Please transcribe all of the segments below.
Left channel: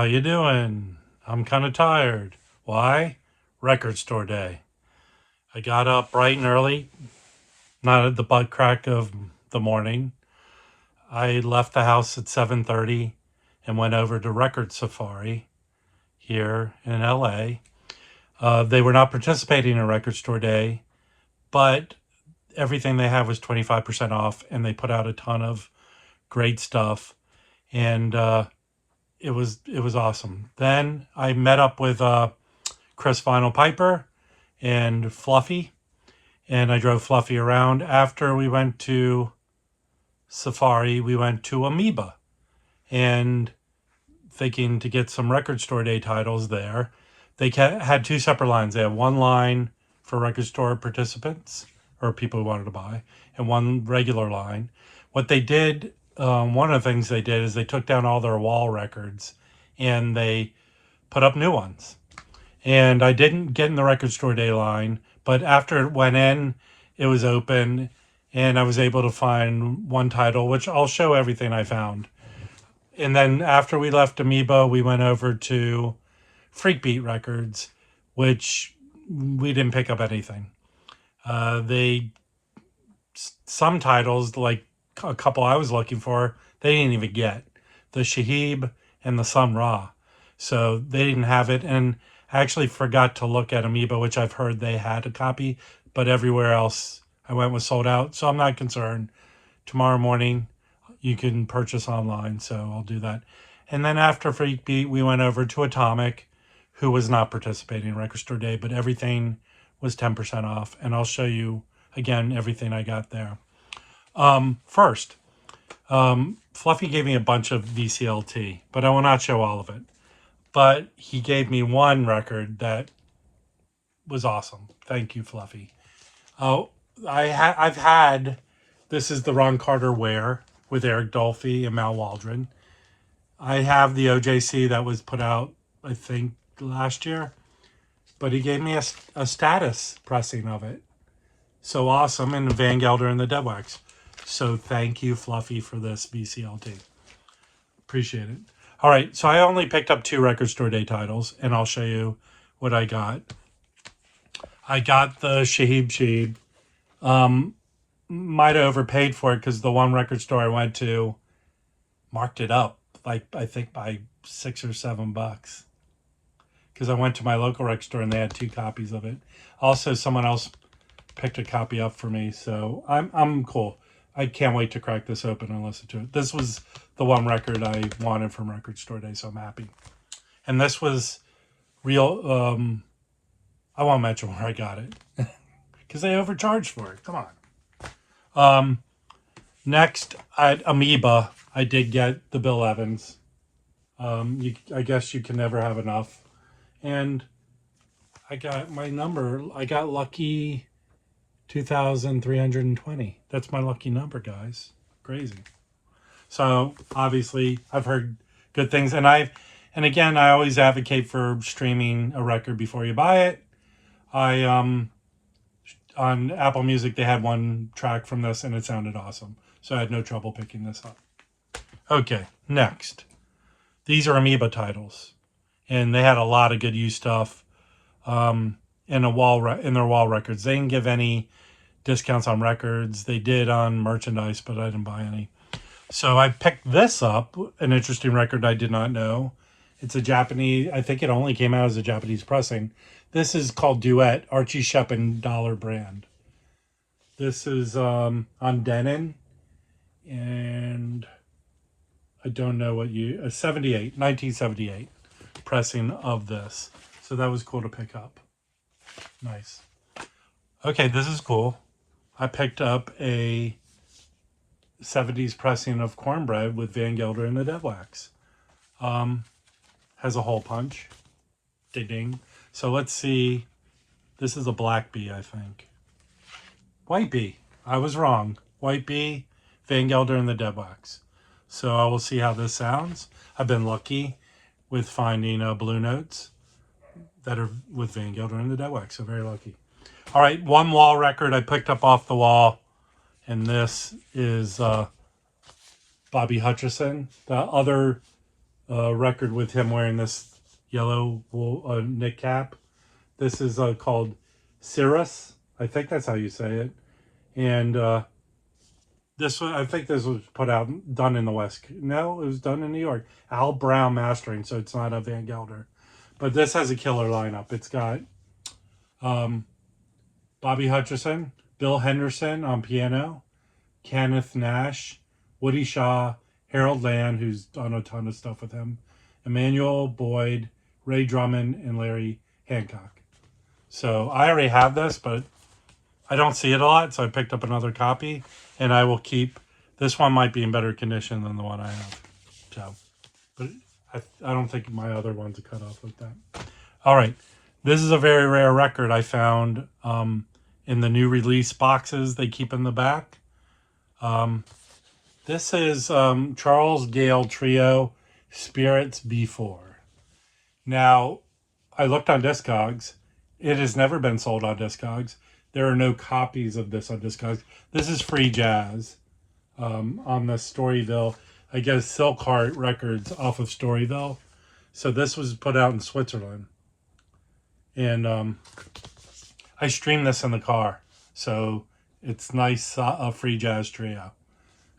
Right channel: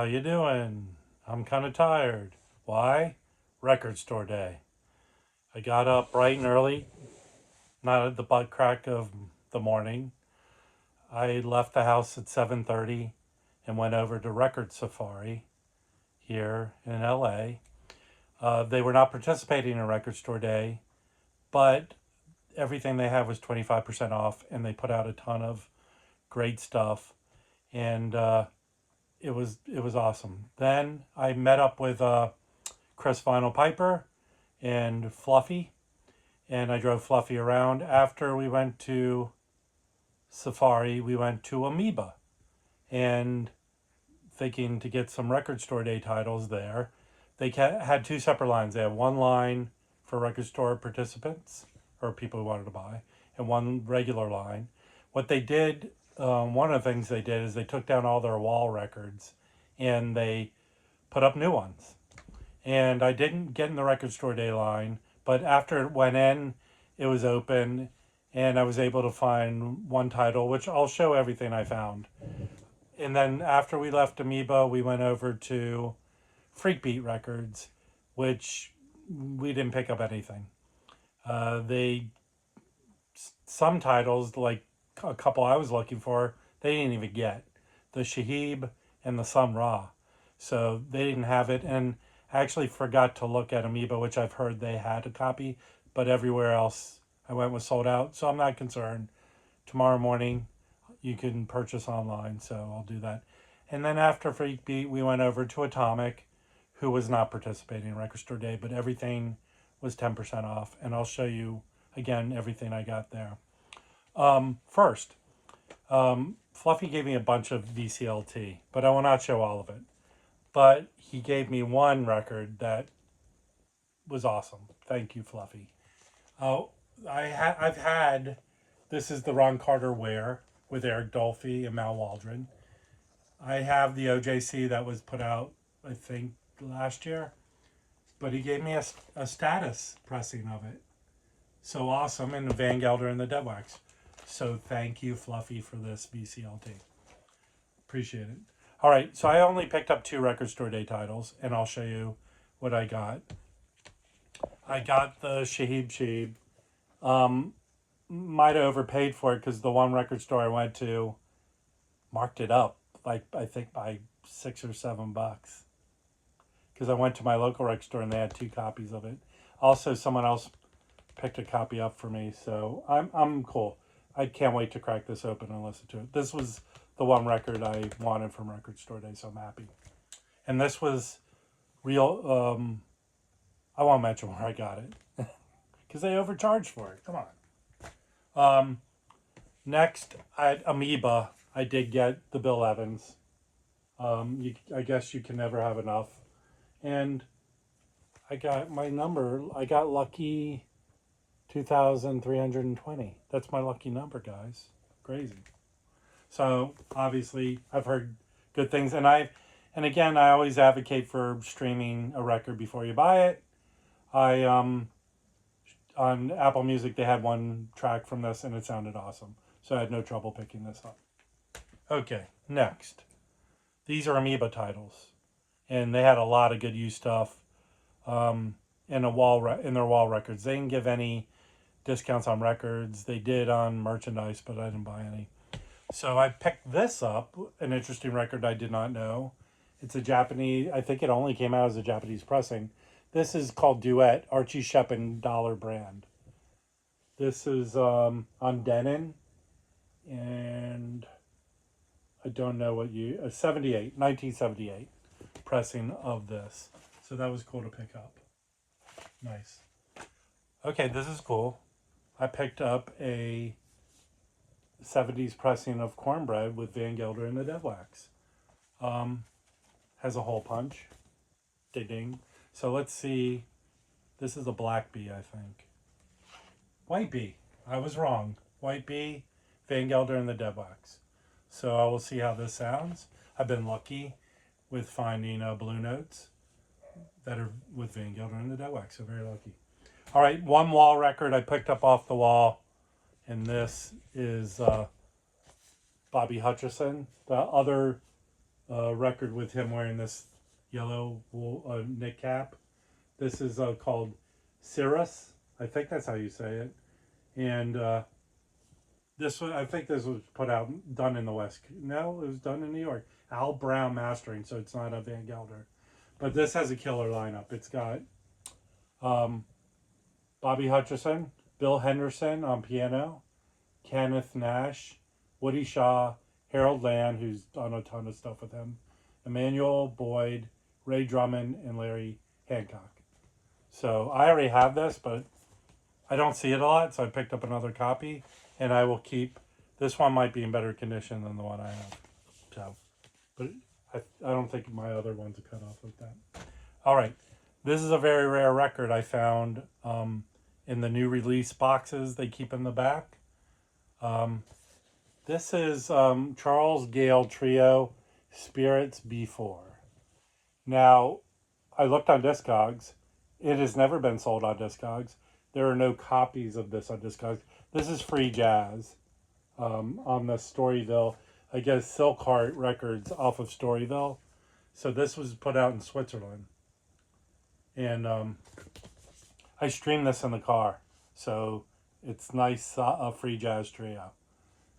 How you doing? I'm kind of tired. Why? Record store day. I got up bright and early, not at the butt crack of the morning. I left the house at 7:30 and went over to Record Safari here in LA. They were not participating in Record Store Day, but everything they had was 25% off, and they put out a ton of great stuff. And it was awesome. Then I met up with Chris Vinyl Piper and Fluffy, and I drove Fluffy around. After we went to Safari, we went to Amoeba, and thinking to get some Record Store Day titles there. They had two separate lines. They had one line for record store participants or people who wanted to buy, and one regular line. What they did, one of the things they did is they took down all their wall records and they put up new ones. And I didn't get in the Record Store Day line, but after it went in, it was open, and I was able to find one title, which I'll show everything I found. And then after we left Amoeba, we went over to Freakbeat Records, which we didn't pick up anything. They some titles, like a couple I was looking for, they didn't even get. The Shahib and the Sun Ra. So they didn't have it. And I actually forgot to look at Amoeba, which I've heard they had a copy, but everywhere else I went was sold out. So I'm not concerned. Tomorrow morning, you can purchase online, so I'll do that. And then after Freakbeat, we went over to Atomic, who was not participating in Record Store Day, but everything was 10% off. And I'll show you, again, everything I got there. First, Fluffy gave me a bunch of VCLT, but I will not show all of it. But he gave me one record that was awesome. Thank you, Fluffy. I've had, this is the Ron Carter Wear with Eric Dolphy and Mal Waldron. I have the OJC that was put out, I think, last year, but he gave me a status pressing of it. So awesome, and Van Gelder and the Deadwax. So thank you, Fluffy, for this VCLT. Appreciate it. All right, so I only picked up two Record Store Day titles, and I'll show you what I got. I got the Shahib. Might have overpaid for it because the one record store I went to marked it up, like I think by $6 or $7. Because I went to my local record store and they had two copies of it. Also, someone else picked a copy up for me, so I'm cool. I can't wait to crack this open and listen to it. This was the one record I wanted from Record Store Day, so I'm happy. And this was real. I won't mention where I got it because they overcharged for it. Come on. Next, at Amoeba, I did get the Bill Evans. I guess you can never have enough. And I got my number. I got lucky 2,320. That's my lucky number, guys. Crazy. So obviously, I've heard good things, and again, I always advocate for streaming a record before you buy it. On Apple Music, they had one track from this, and it sounded awesome. So I had no trouble picking this up. Okay, next. These are Amoeba titles, and they had a lot of good used stuff in their wall records. They didn't give any discounts on records. They did on merchandise, but I didn't buy any. So I picked this up, an interesting record I did not know. It's a Japanese, I think it only came out as a Japanese pressing. This is called Duet, Archie Shepp and Dollar Brand. This is on Denon, and I don't know what 1978 pressing of this. So that was cool to pick up. Nice. Okay, this is cool. I picked up a 70s pressing of Cornbread with Van Gelder and the Deadwax. Has a hole punch. Ding ding. So let's see. This is a black bee, I think. White bee. I was wrong. White bee, Van Gelder and the Deadwax. So I will see how this sounds. I've been lucky with finding blue notes that are with Van Gelder and the Deadwax. So very lucky. All right, one wall record I picked up off the wall. And this is Bobby Hutcherson. The other record with him wearing this yellow wool knit cap. This is called Cirrus. I think that's how you say it. And this was, I think this was done in the West. No, it was done in New York. Al Brown mastering, so it's not a Van Gelder. But this has a killer lineup. It's got um, Bobby Hutcherson, Bill Henderson on piano, Kenneth Nash, Woody Shaw, Harold Land, who's done a ton of stuff with him, Emmanuel Boyd, Ray Drummond, and Larry Hancock. So I already have this, but I don't see it a lot, so I picked up another copy, and I will keep. This one might be in better condition than the one I have. So, but I don't think my other one's a cut off like that. All right, this is a very rare record I found in the new release boxes they keep in the back. This is Charles Gale Trio Spirits B4. Now, I looked on Discogs. It has never been sold on Discogs. There are no copies of this on Discogs. This is free jazz on the Storyville. I guess Silkheart Records off of Storyville. So this was put out in Switzerland. And I streamed this in the car. So it's nice, free jazz trio.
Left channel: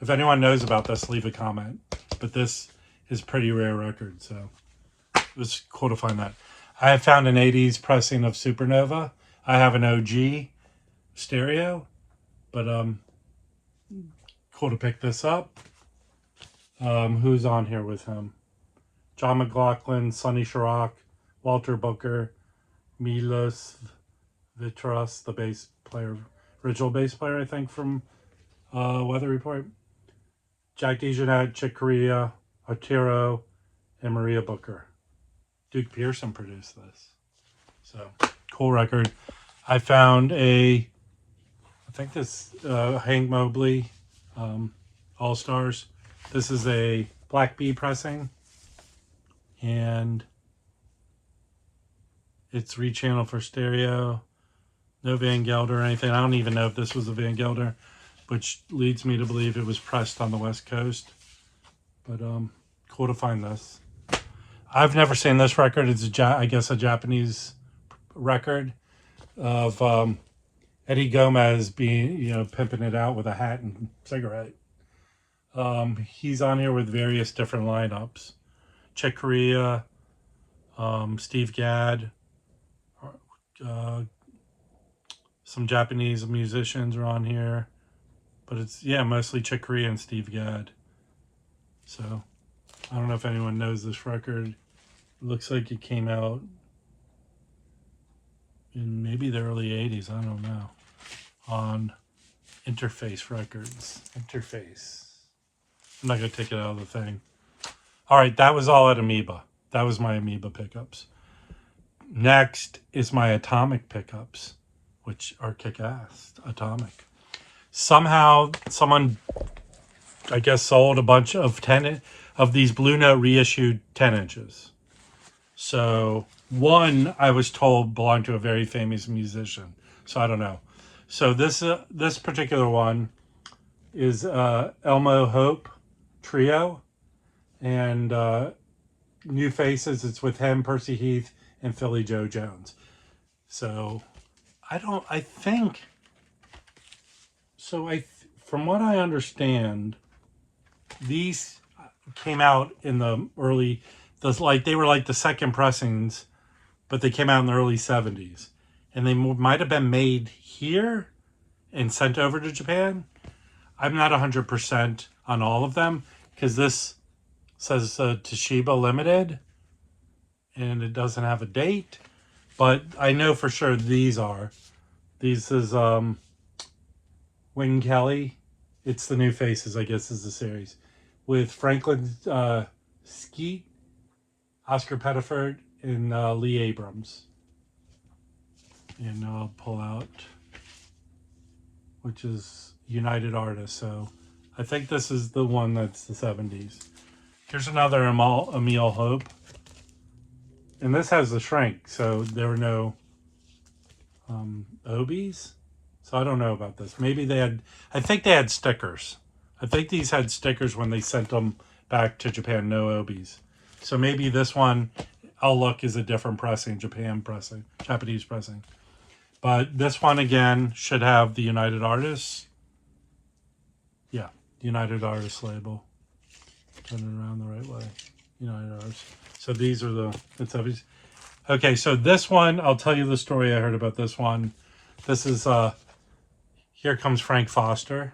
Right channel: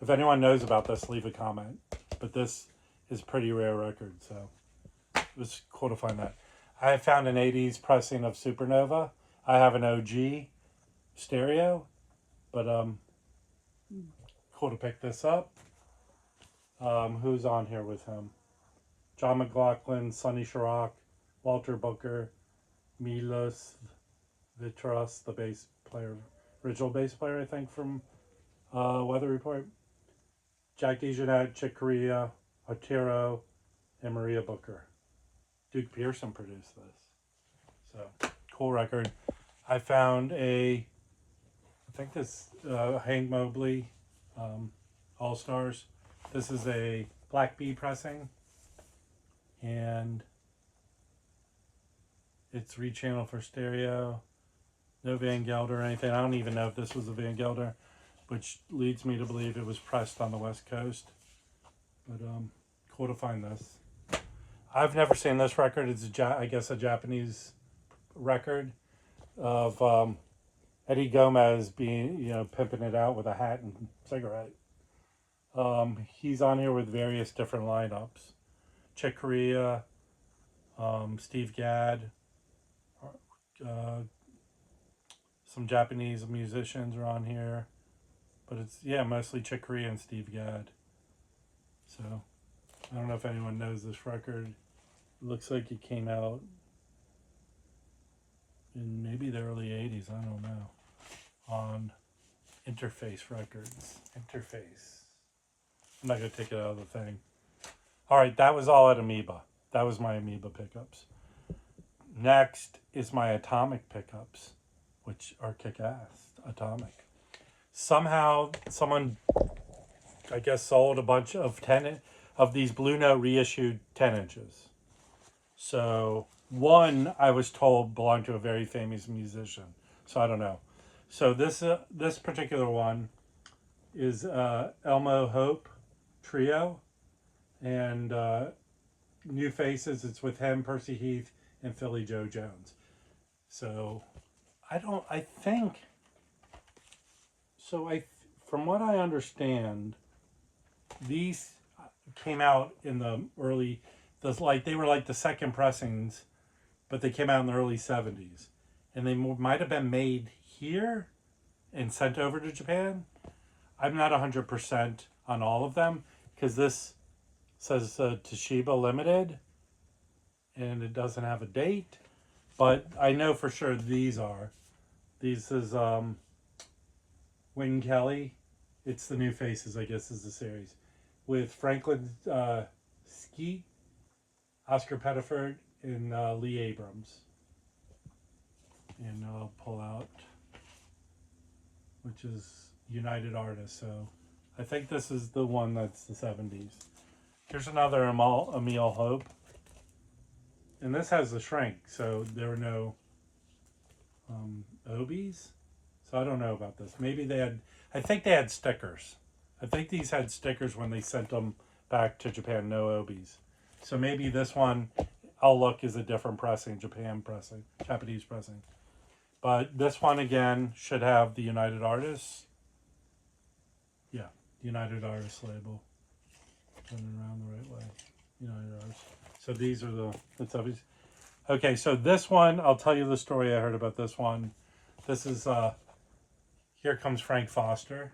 If anyone knows about this, leave a comment. But this is pretty rare record, so it was cool to find that. I have found an 80s pressing of Supernova. I have an OG stereo, but cool to pick this up. Who's on here with him? John McLaughlin, Sonny Chirac, Walter Booker, Milos Vitras, the bass player, original bass player, I think, from Weather Report. Jack DeJohnette, Chick Corea, Arturo, and Maria Booker. Duke Pearson produced this. So, cool record. I found I think this Hank Mobley All Stars. This is a Black Bee pressing. And it's rechanneled for stereo. No Van Gelder or anything. I don't even know if this was a Van Gelder, which leads me to believe it was pressed on the West Coast. But cool to find this. I've never seen this record. It's I guess a Japanese record of Eddie Gomez being, pimping it out with a hat and cigarette. He's on here with various different lineups. Chick Corea, Steve Gadd, some Japanese musicians are on here. But it's, mostly Chick Corea and Steve Gadd. So, I don't know if anyone knows this record. It looks like it came out in maybe the early 80s. I don't know. On Interface Records. Interface. I'm not going to take it out of the thing. All right, that was all at Amoeba. That was my Amoeba pickups. Next is my Atomic pickups, which are kick-ass. Atomic. Somehow, someone, I guess, sold a bunch of these Blue Note reissued 10 inches. So one, I was told, belonged to a very famous musician. So I don't know. So this particular one is Elmo Hope Trio, and New Faces. It's with him, Percy Heath, and Philly Joe Jones. So from what I understand, these came out in the early, they were like the second pressings, but they came out in the early 70s. And they might have been made here and sent over to Japan. I'm not 100% on all of them, because this says Toshiba Limited, and it doesn't have a date. But I know for sure these are. These is Wayne Kelly. It's the New Faces, I guess, is the series. With Franklin Skeet, Oscar Pettiford, and Lee Abrams. And I'll pull out, which is United Artists. So I think this is the one that's the 70s. Here's another Emil Hope. And this has the shrink, so there were no Obies. So I don't know about this. Maybe I think they had stickers. I think these had stickers when they sent them back to Japan, no Obies. So maybe this one I'll look is a different pressing, Japanese pressing. But this one again should have the United Artists. Yeah, United Artists label. Turn it around the right way. United Artists. So these are it's obvious. Okay, so this one, I'll tell you the story I heard about this one. This is Here Comes Frank Foster,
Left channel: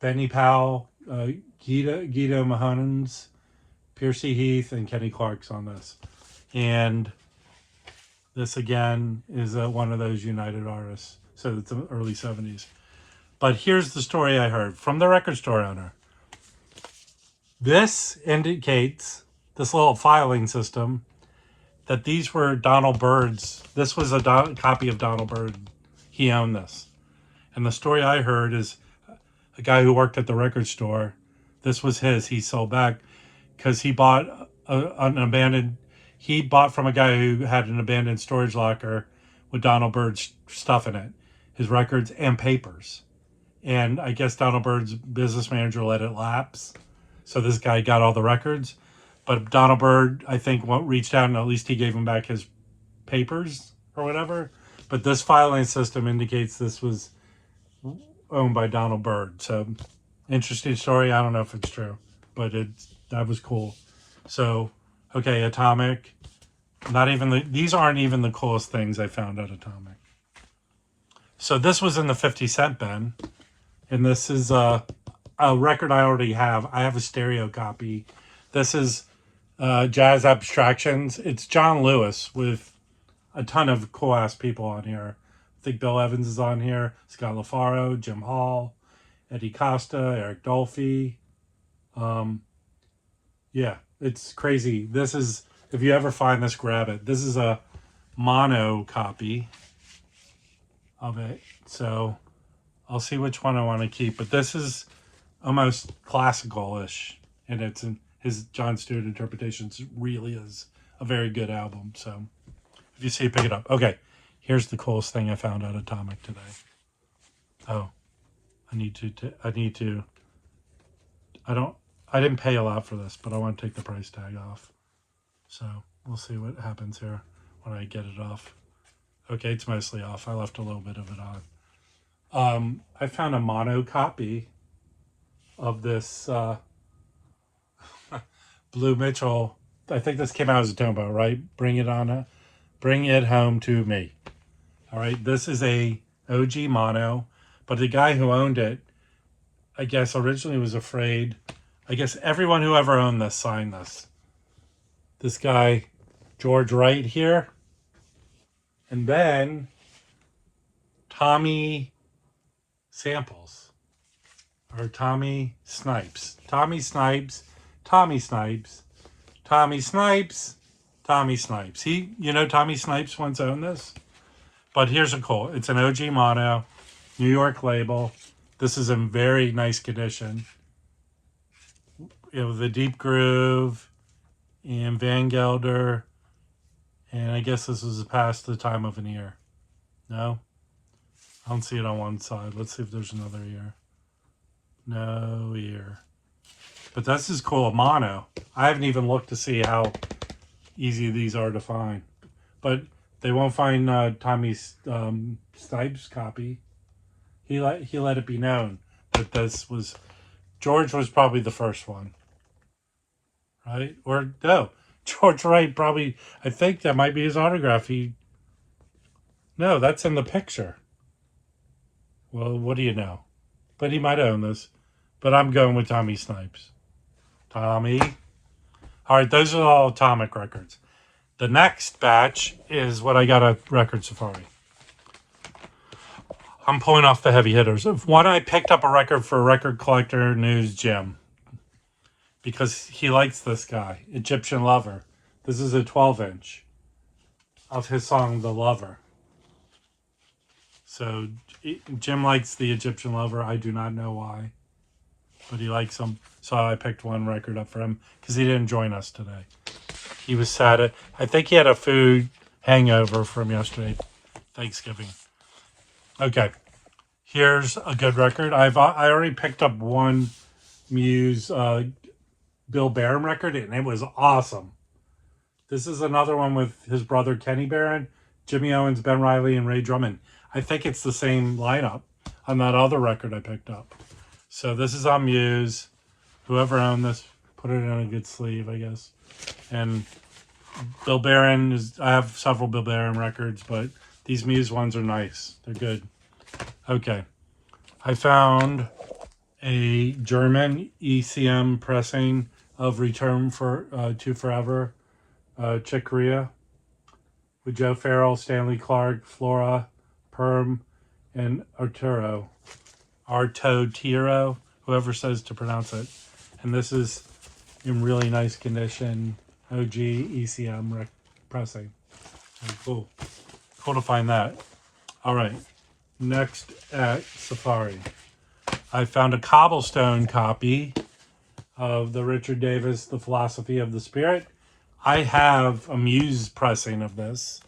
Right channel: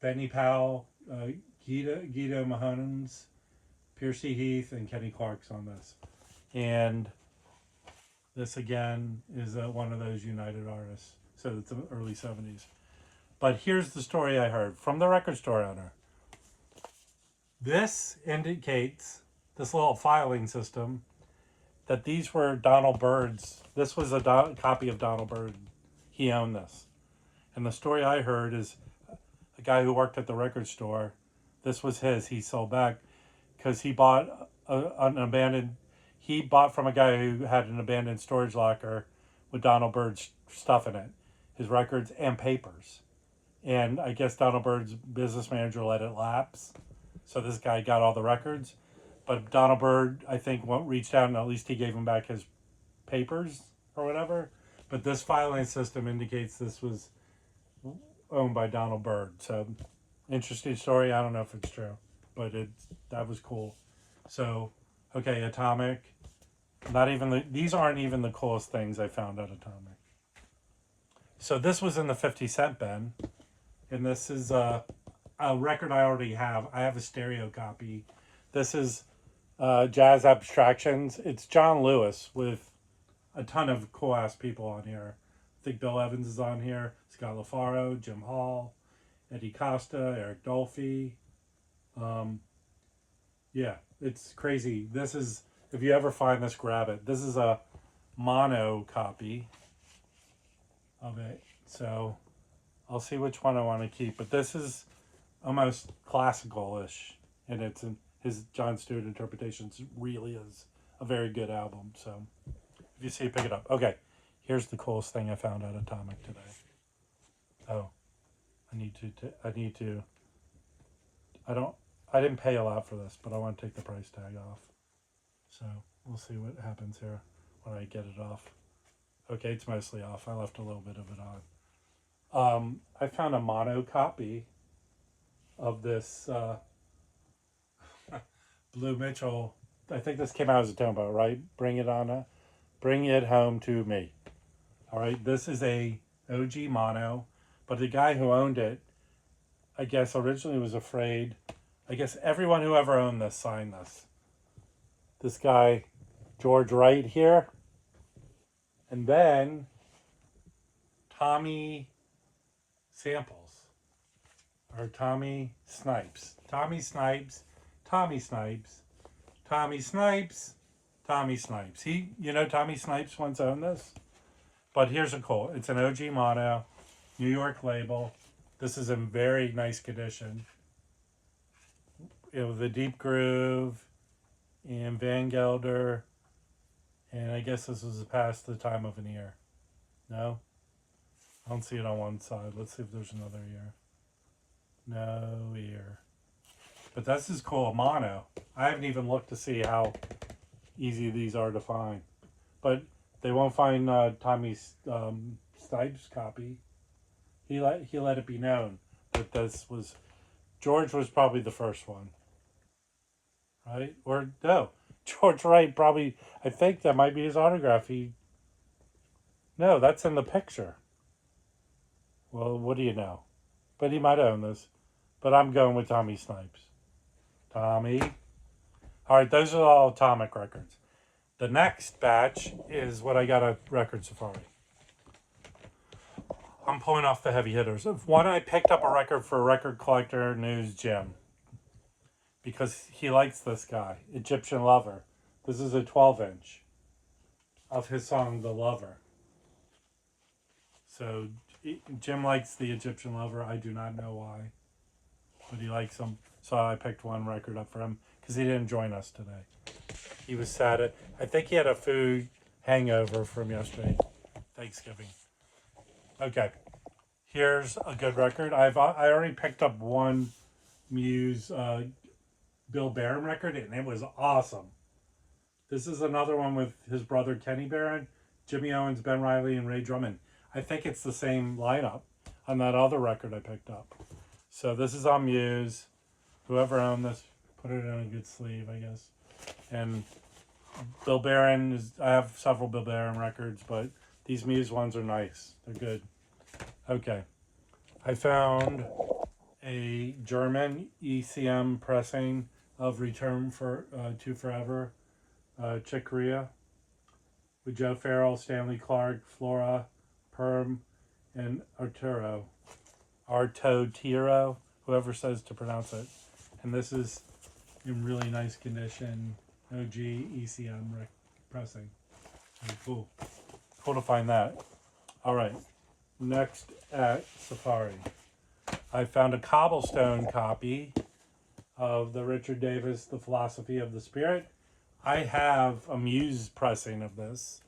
Benny Powell, Guido Mahonens, Piercy Heath, and Kenny Clark's on this. And this again is one of those United Artists. So it's the early 70s. But here's the story I heard from the record store owner. This indicates, this little filing system, that these were Donald Byrd's. This was a copy of Donald Byrd. He owned this. And the story I heard is a guy who worked at the record store. This was his. He sold back because he bought he bought from a guy who had an abandoned storage locker with Donald Byrd's stuff in it, his records and papers. And I guess Donald Byrd's business manager let it lapse. So this guy got all the records. But Donald Byrd, I think, reached out and at least he gave him back his papers or whatever. But this filing system indicates this was owned by Donald Byrd. So, interesting story. I don't know if it's true, but that was cool. So, okay, Atomic. These aren't even the coolest things I found at Atomic. So this was in the 50 cent bin. And this is a record I already have. I have a stereo copy. This is Jazz Abstractions. It's John Lewis with a ton of cool ass people on here. I think Bill Evans is on here, Scott LaFaro, Jim Hall, Eddie Costa, Eric Dolphy. Yeah, it's crazy. This is, if you ever find this, grab it. This is a mono copy of it. So I'll see which one I want to keep. But this is almost classical-ish. And it's in his John Stewart interpretations. Really is a very good album. So if you see it, pick it up. Okay, here's the coolest thing I found at Atomic today. Oh, I didn't pay a lot for this, but I want to take the price tag off. So we'll see what happens here when I get it off. Okay, it's mostly off. I left a little bit of it on. I found a mono copy of this Blue Mitchell. I think this came out as a Tombo, right? Bring it home to me. All right, this is a OG mono, but the guy who owned it, I guess originally was afraid. I guess everyone who ever owned this signed this. This guy, George Wright here. And then Tommy Samples. Or Tommy Snipes. Tommy Snipes. Tommy Snipes. Tommy Snipes. Tommy Snipes. Tommy Snipes once owned this. But here's a cool. It's an OG mono. New York label. This is in very nice condition. The deep groove and Van Gelder, and I guess this was past the time of an ear. No? I don't see it on one side. Let's see if there's another ear. No ear. But this is cool, mono. I haven't even looked to see how easy these are to find. But they won't find Tommy Snipes' copy. He let it be known that George was probably the first one. Right? Or no, George Wright probably, I think that might be his autograph. No, that's in the picture. Well, what do you know? But he might own this. But I'm going with Tommy Snipes. Tommy. All right, those are all Atomic records. The next batch is what I got at Record Safari. I'm pulling off the heavy hitters. One, I picked up a record for Record Collector News Jim. Because he likes this guy, Egyptian Lover. This is a 12-inch of his song, The Lover. So Jim likes the Egyptian Lover. I do not know why, but he likes him. So I picked one record up for him because he didn't join us today. He was sad. I think he had a food hangover from yesterday, Thanksgiving. Okay, here's a good record. I already picked up one Muse Bill Barron record, and it was awesome. This is another one with his brother Kenny Barron, Jimmy Owens, Ben Riley, and Ray Drummond. I think it's the same lineup on that other record I picked up. So this is on Muse. Whoever owned this put it in a good sleeve, I guess. And Bill Barron is. I have several Bill Barron records, but these Muse ones are nice. They're good. Okay, I found a German ECM pressing of Return to Forever, Chick Corea, with Joe Farrell, Stanley Clark, Flora, Perm, and Arturo, whoever says to pronounce it. And this is in really nice condition, OG ECM pressing. And cool to find that. All right, next at Safari, I found a cobblestone copy of the Richard Davis, The Philosophy of the Spirit. I have a Muse pressing of this,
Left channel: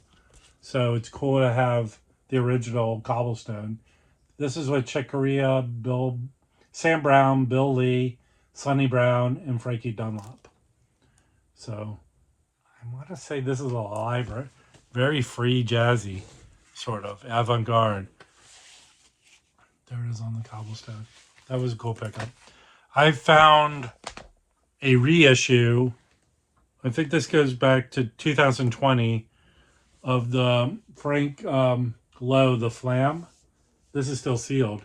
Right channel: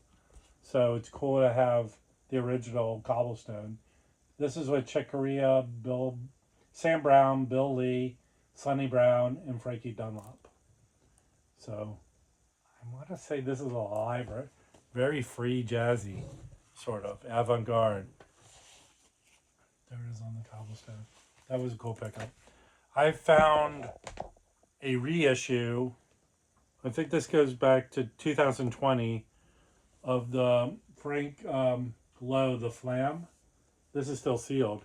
so it's cool to have the original cobblestone. This is with Chick Corea, Sam Brown, Bill Lee, Sonny Brown, and Frankie Dunlop. So I want to say this is a live, very free jazzy, sort of avant-garde. There it is on the cobblestone. That was a cool pickup. I found a reissue. I think this goes back to 2020 of the Frank Lowe, The Flam. This is still sealed,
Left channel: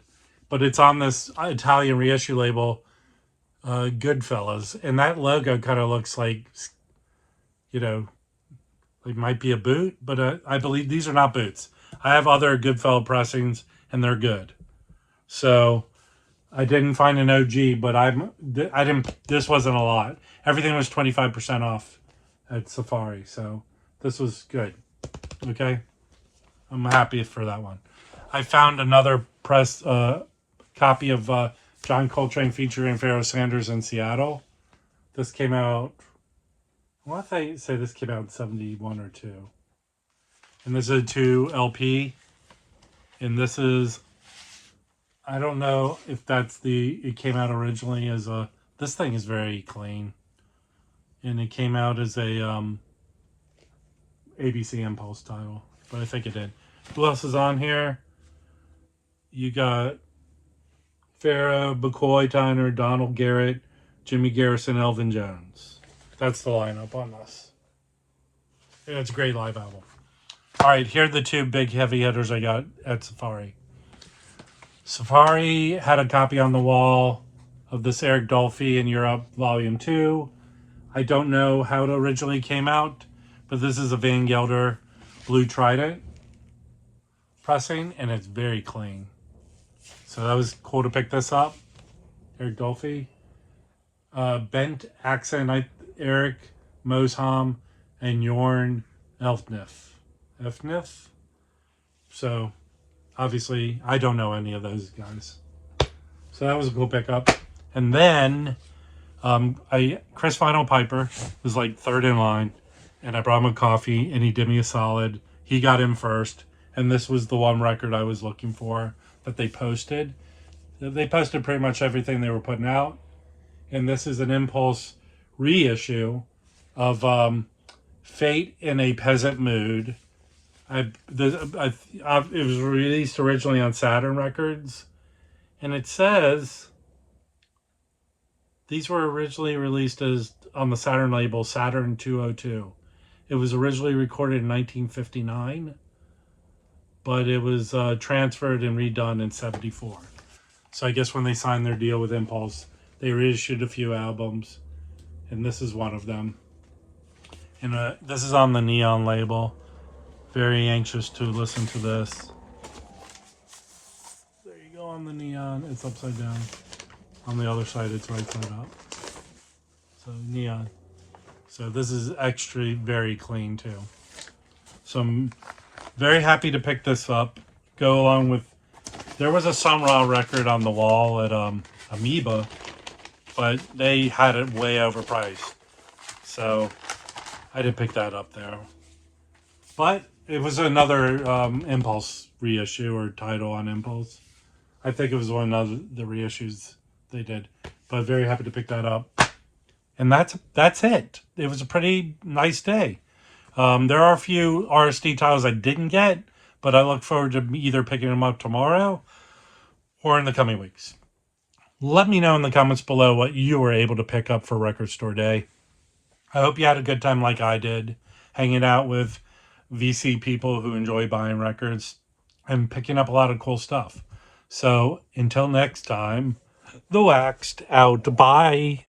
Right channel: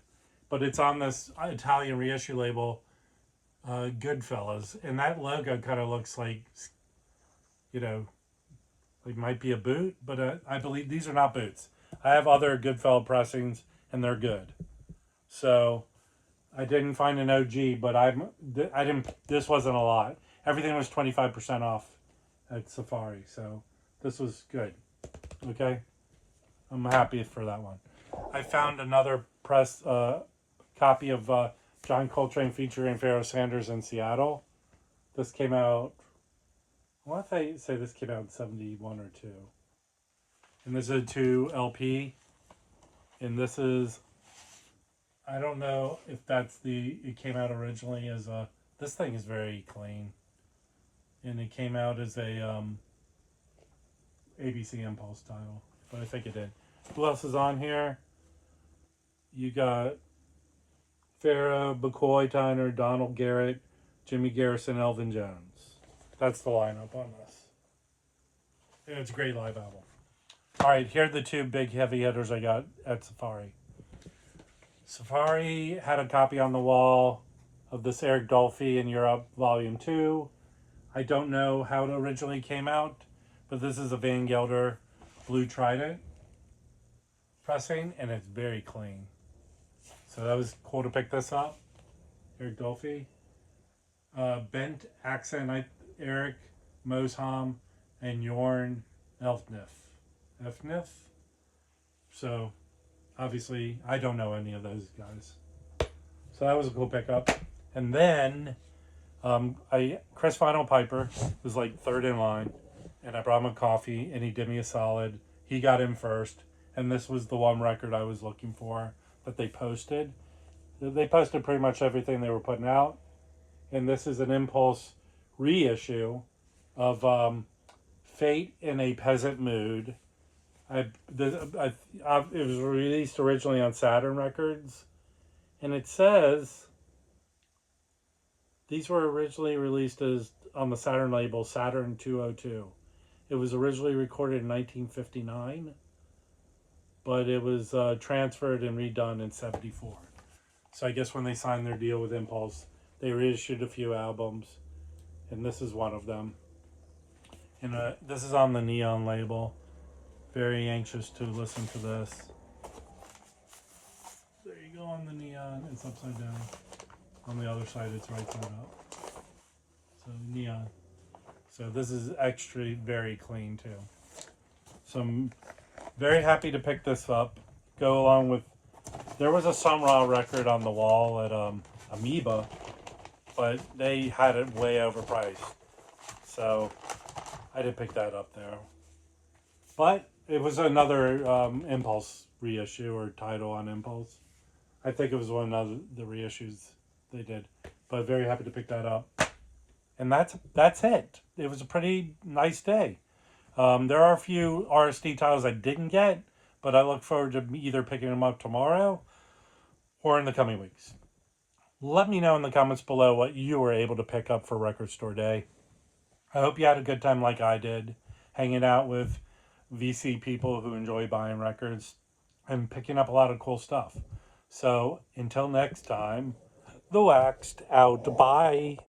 but it's on this Italian reissue label, Goodfellas, and that logo kind of looks like, it might be a boot, but I believe these are not boots. I have other Goodfellas pressings, and they're good. So I didn't find an OG, but I didn't. This wasn't a lot. Everything was 25% off at Safari, so this was good. Okay, I'm happy for that one. I found another press copy of John Coltrane featuring Pharoah Sanders in Seattle. This came out. I want to say this came out in 71 or 2. And this is a 2 LP. And this is, I don't know if it came out originally as this thing is very clean. And it came out as a ABC Impulse title. But I think it did. Who else is on here? You got Farrah, McCoy Tyner, Donald Garrett, Jimmy Garrison, Elvin Jones. That's the lineup on this. And it's a great live album. All right, here are the two big heavy hitters I got at Safari. Safari had a copy on the wall of this Eric Dolphy in Europe, Volume 2. I don't know how it originally came out, but this is a Van Gelder Blue Trident pressing, and it's very clean. So that was cool to pick this up. Eric Dolphy. Bent Accent, Eric Mosham, and Jorn Elfnif. So, obviously, I don't know any of those guys. So that was a cool pickup. And then, Chris Final Piper was like third in line, and I brought him a coffee, and he did me a solid. He got in first, and this was the one record I was looking for that they posted. They posted pretty much everything they were putting out, and this is an Impulse reissue of Fate in a Peasant Mood. It was released originally on Saturn Records, and it says these were originally released as on the Saturn label Saturn 202. It was originally recorded in 1959, but it was transferred and redone in 74. So I guess when they signed their deal with Impulse, they reissued a few albums, and this is one of them. And this is on the Neon label. Very anxious to listen to this. There you go on the Neon. It's upside down. On the other side, it's right side up. So Neon. So this is extra very clean too. So I'm very happy to pick this up. Go along with, there was a Sun Ra record on the wall at Amoeba, but they had it way overpriced. So I didn't pick that up there. But it was another Impulse reissue or title on Impulse. I think it was one of the reissues they did. But very happy to pick that up. And that's it. It was a pretty nice day. There are a few RSD titles I didn't get, but I look forward to either picking them up tomorrow or in the coming weeks. Let me know in the comments below what you were able to pick up for Record Store Day. I hope you had a good time like I did, hanging out with VC people who enjoy buying records and picking up a lot of cool stuff. So until next time, the Waxed out. Bye.